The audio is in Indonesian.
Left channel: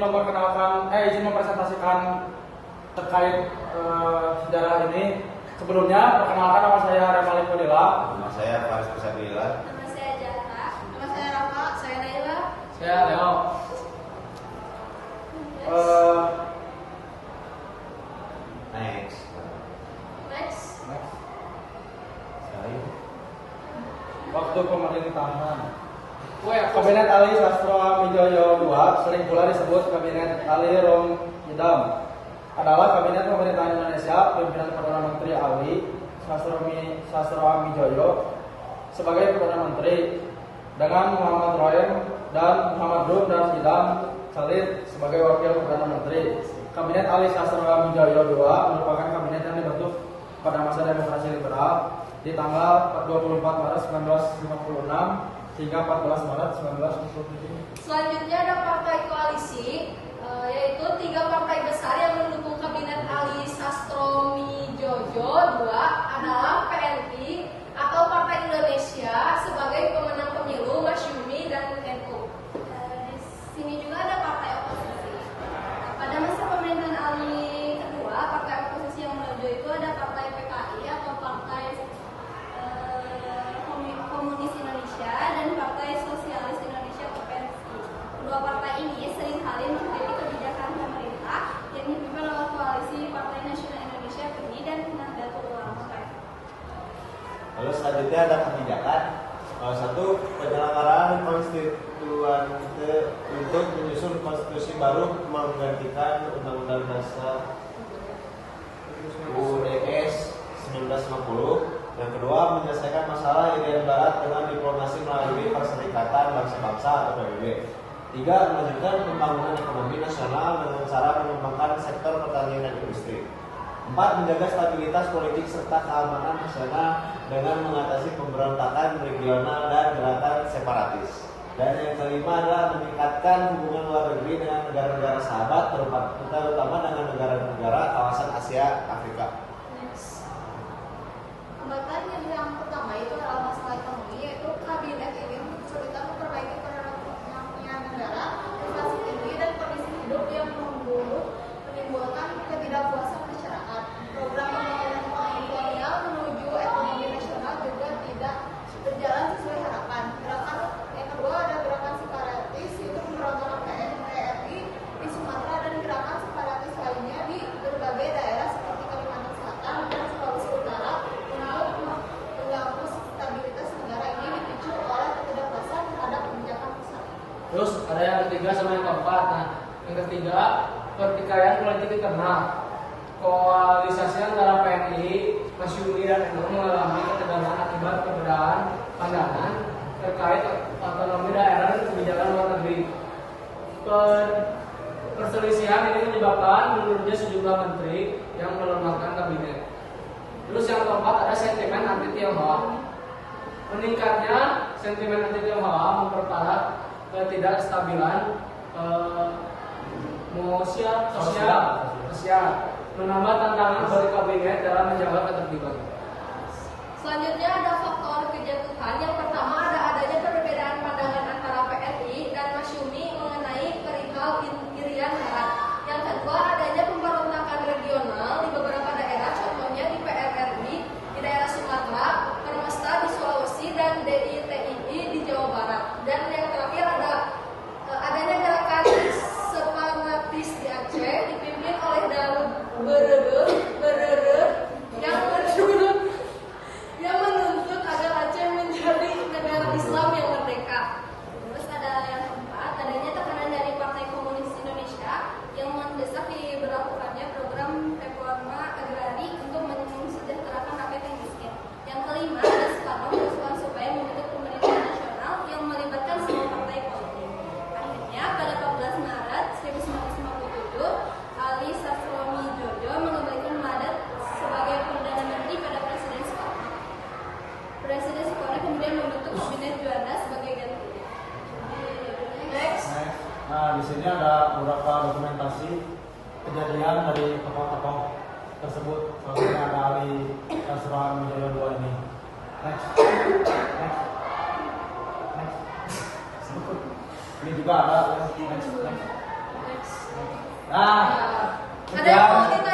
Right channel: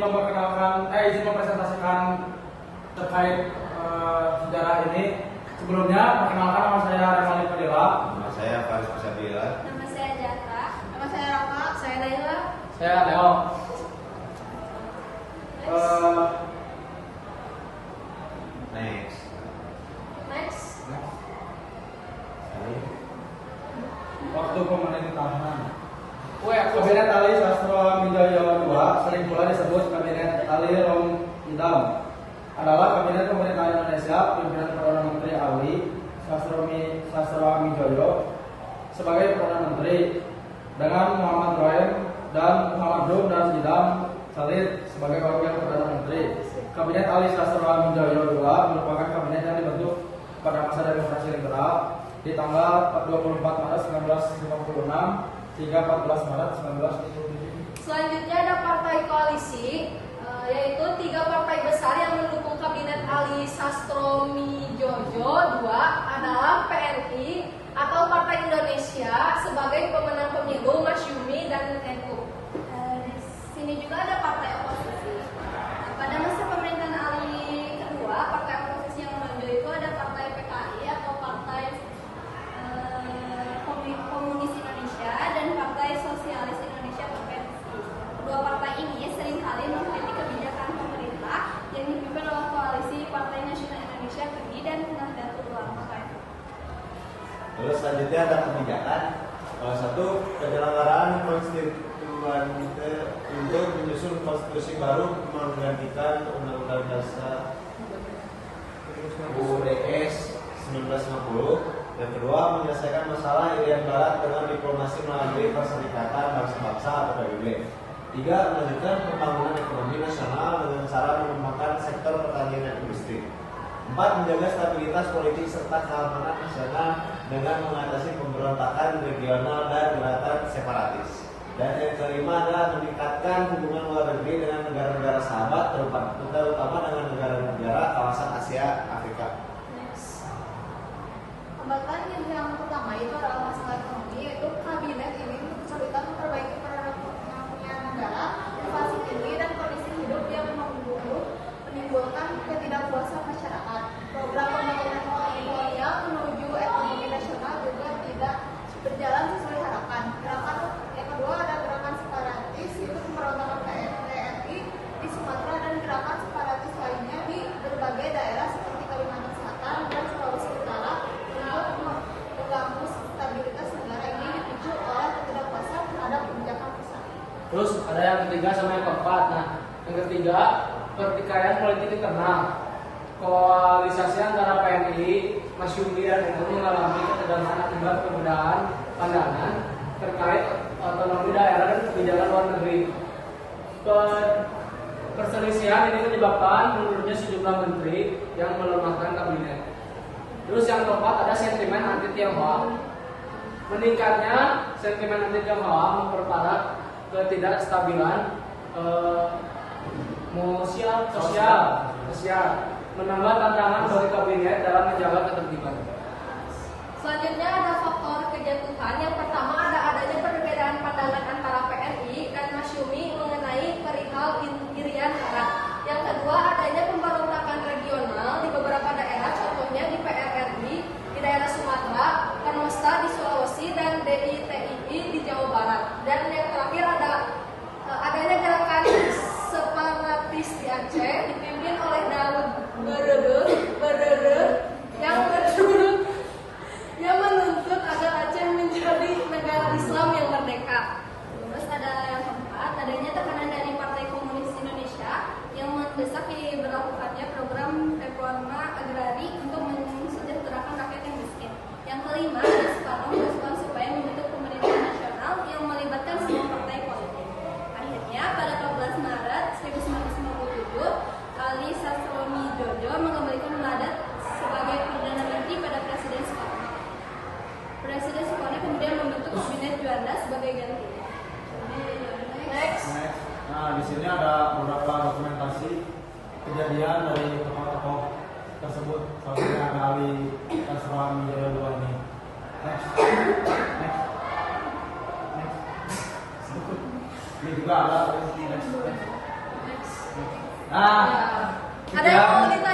izin mempresentasikan terkait sejarah ini. Sebelumnya, perkenalkan nama saya Remali Fadila. Nama saya Faris Pusabila. Nama saya Jaka. Nama saya Raka. Saya Laila. Saya Leo. Next. Waktu pemerintahan. Kabinet Ali Sastro Midjoyo II, sering pula disebut Kabinet Ali Rom Idam, adalah kabinet pemerintahan Indonesia pimpinan Perdana Menteri Ali Sastro Midjoyo sebagai Perdana Menteri, dengan Muhammad Ibrahim dan Muhammad Dum dan Idam Salid sebagai Wakil Perdana Menteri. Kabinet Ali Sastro Midjoyo II merupakan kabinet yang dibentuk pada masa demokrasi liberal di tanggal 24 Maret 1956 hingga 14 Maret 1977. Selanjutnya ada partai koalisi, yaitu 3 partai besar yang mendukung kabinet Ali Sastro Midjoyo II adalah PRI atau Partai Indonesia sebagai pemenang pemilu, Masyumi dan NU. Di sini juga ada partai oposisi. Pada masa pemerintahan Ali kedua, partai oposisi yang menonjol itu ada partai PKI atau Partai Komunis Indonesia dan Partai Sosialis Indonesia (PSI). Kedua partai ini seringkali mengkritik kebijakan pemerintah yang dipimpin oleh koalisi Partai Nasional Indonesia (PNI) dan Nahdlatul Ulama (PNU). Lalu selanjutnya ada kebijakan. Satu, penyelenggaraan konstituan untuk menyusun konstitusi baru menggantikan Undang-Undang Dasar UUDS 1950. Yang kedua, menyelesaikan masalah Irian Barat dengan diplomasi melalui Perserikatan Bangsa-Bangsa atau PBB. 3. Melanjutkan pembangunan ekonomi nasional dengan cara mengembangkan sektor pertanian dan industri. 4. Menjaga stabilitas politik serta keamanan nasional dengan mengatasi pemberontakan regional dan gerakan separatis. Dan yang kelima adalah meningkatkan hubungan luar negeri dengan negara-negara sahabat, terutama dengan negara-negara kawasan Asia Afrika. Hambatan yang pertama itu adalah masalah ekonomi, yaitu kabinet ini kesulitan memperbaiki perekonomian negara, inflasi tinggi dan kondisi hidup yang menimbulkan ketidakpuasan masyarakat. Program pembangunan ekonomi kolonial menuju ekonomi nasional juga tidak berjalan sesuai harapan. Gerakan yang kedua ada gerakan separatis, yaitu pemberontakan PRI di Sumatera dan gerakan separatis lainnya di berbagai daerah seperti Kalimantan Selatan dan Sulawesi Utara untuk mengganggu stabilitas negara ini dipicu oleh ketidakpuasan terhadap kebijakan pusat. Terus ada yang ketiga sama yang keempat. Nah, yang ketiga, pertikaian politik internal. Koalisasi antara PNI, Masyumi dan NU mengalami ketegangan akibat perbedaan pandangan terkait otonomi daerah dan kebijakan luar negeri. Perselisihan ini menyebabkan mundurnya sejumlah menteri yang melemahkan kabinet. Terus yang keempat ada sentimen anti Tionghoa. Meningkatnya sentimen anti Tionghoa memperparah ketidakstabilan sosial, menambah tantangan bagi kabinet dalam menjaga ketertiban. Selanjutnya ada faktor kejatuhan. Yang pertama ada adanya perbedaan pandangan antara PNI dan Masyumi mengenai perihal Irian Barat. Yang kedua adanya pemberontakan regional di beberapa daerah, contohnya di PRRI di daerah Sumatera, Permesta di Sulawesi dan DITII di Jawa Barat. Dan yang terakhir ada adanya gerakan separatis di Aceh dipimpin oleh Daud Berere yang menuntut agar Aceh menjadi negara Islam yang merdeka. Terus ada yang keempat, adanya tekanan dari Partai Komunis Indonesia yang mendesak diberlakukannya program reforma agrari untuk mensejahterakan rakyat yang miskin. Yang kelima, ada Soekarno mendesak supaya membentuk pemerintahan nasional yang melibatkan semua partai politik. Akhirnya, pada 14 Maret 1957, Ali Sastro Midjoyo mengembalikan mandat sebagai Perdana Menteri pada Presiden Soekarno. Presiden Soekarno kemudian membentuk Kabinet Juanda sebagai gantinya. Next. Nah, di sini ada beberapa dokumentasi kejadian dari tokoh-tokoh tersebut. Seperti ada Ali Sastro Midjoyo II ini. Next. Ini juga ada. Next. Nah, Ada yang mau ditanya?